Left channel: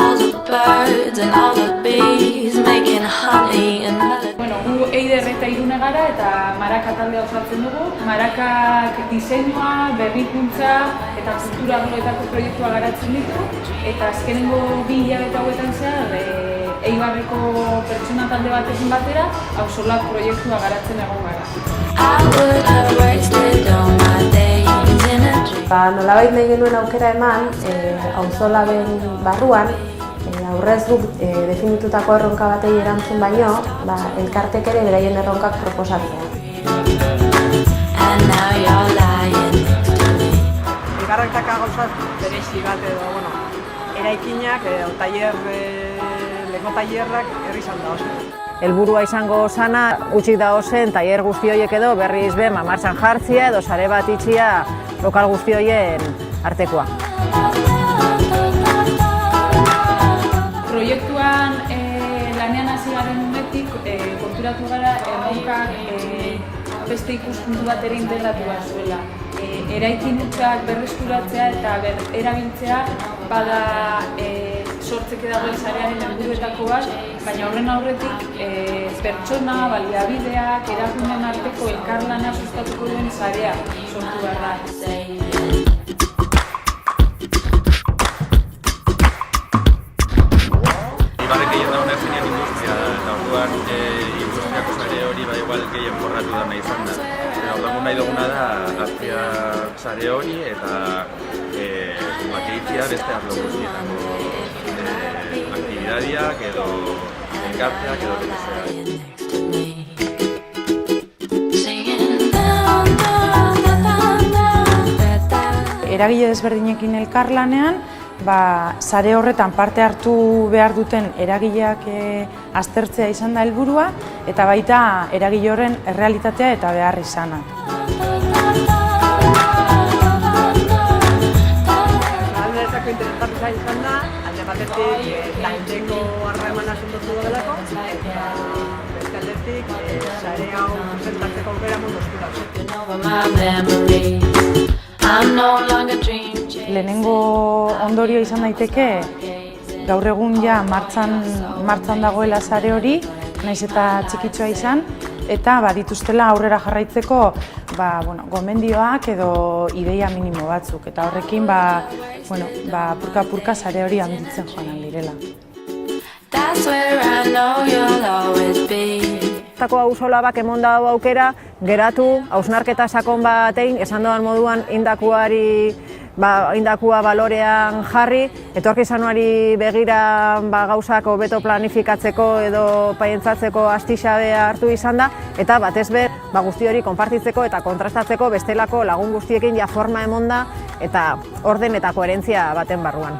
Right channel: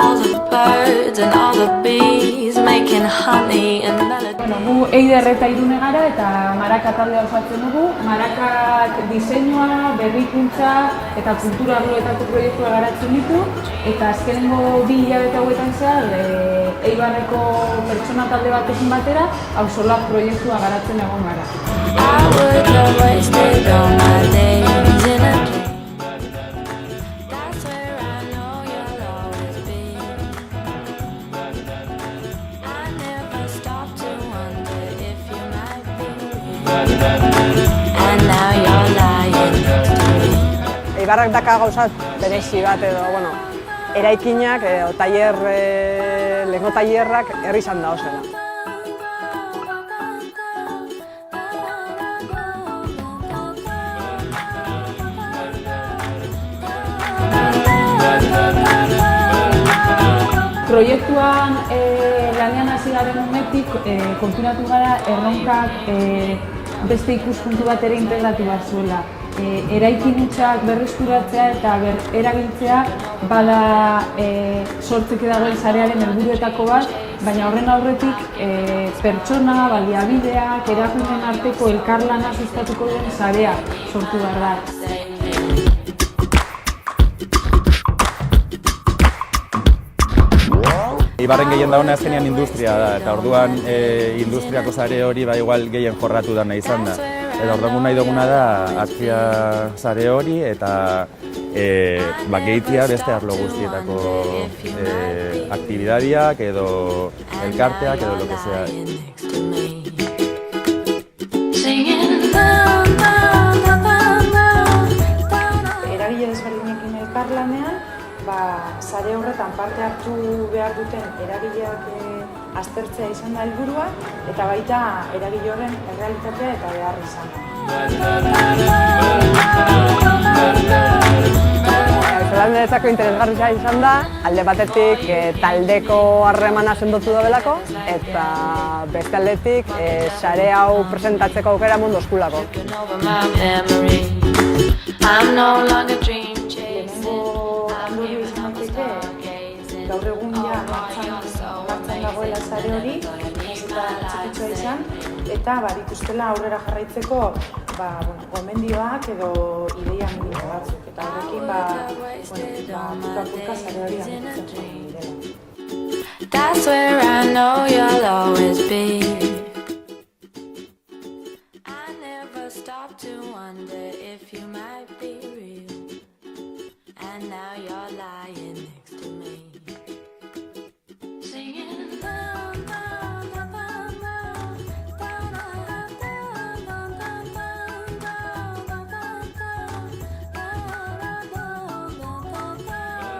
All the birds and all the bees making honey and melody. Gu Eider eta Irune gara eta Maraka taldea osatzen dugu. Marakak diseinua, berrikuntza eta kultura arloetako proiektua garatzen ditu. Eta azkenengo 2 hilabete hauetan zehar, Eibarreko pertsona talde batekin batera, Auzolan proiektua garatzen egon gara. I would have wasted all my days in a dream. Nolabait nahi genuen aukera eman, Auzolaren barruan, aurrez guk definitutako erronka batei erantzun baino, elkartek ere beraien erronkak proposatu. And now you're lying next to me. Eibarrak daka gauzat berezi bat edo, eraikinak edo lego tailerrak herri izan da ozen. Helburua izango zana, utzi da ozen tailer guzti horiek edo berriz be martxan jartzia edo sare bat itxia lokal guzti horien artekoa. Proiektuan lanean hasi garen unetik konturatu gara erronkak beste ikuspuntu bat ere integratu bat zuela. Eraikin hutsak berreskuratzea eta erabiltzea bada sortzeke dagoen sarearen helburuetako bat, baina horren aurretik pertsona, baliabideak, erakuneen arteko elkarlana sustatuko den sarea sortu behar da. Eibarren gehien dauna zenean industria da, eta orduan industriako sare hori igual gehien forratu da nahi izan da. Eta orduan nahi duguna da azpia sare hori eta gehitzea beste arlo guztietako aktibidadiak edo elkarteak edo lo que sea. Eragile ezberdinekin elkarlanean, sare horretan parte hartu behar duten eragileak aztertzea izan da helburua eta baita eragile horren errealitatea eta behar izana. Taldeetako interesgarria izan da, alde batetik taldeko harremana sendotu daudelako eta beste aldetik sare hau presentatzeko aukera mondoskulako. Lehenengo ondorio izan daiteke, gaur egun ja martxan dagoela sare hori, nahiz eta txikitsua izan, eta dituztela aurrera jarraitzeko gomendioak edo ideia minimo batzuk, eta horrekin purka-purka sare hori handitzen joan direla. That's where I know you'll always be. Tako Auzolabak emon dago aukera, geratu, hausnarketa sakon bat egin, esan doan moduan indakua balorean jarri, etorkizuneari begira gauzak hobeto planifikatzeko edo paientzatzeko astixabea hartu izan da, eta batez be guzti hori konpartitzeko eta kontrastatzeko bestelako lagun guztiekin ja forma emon da eta orden eta koherentzia baten barruan.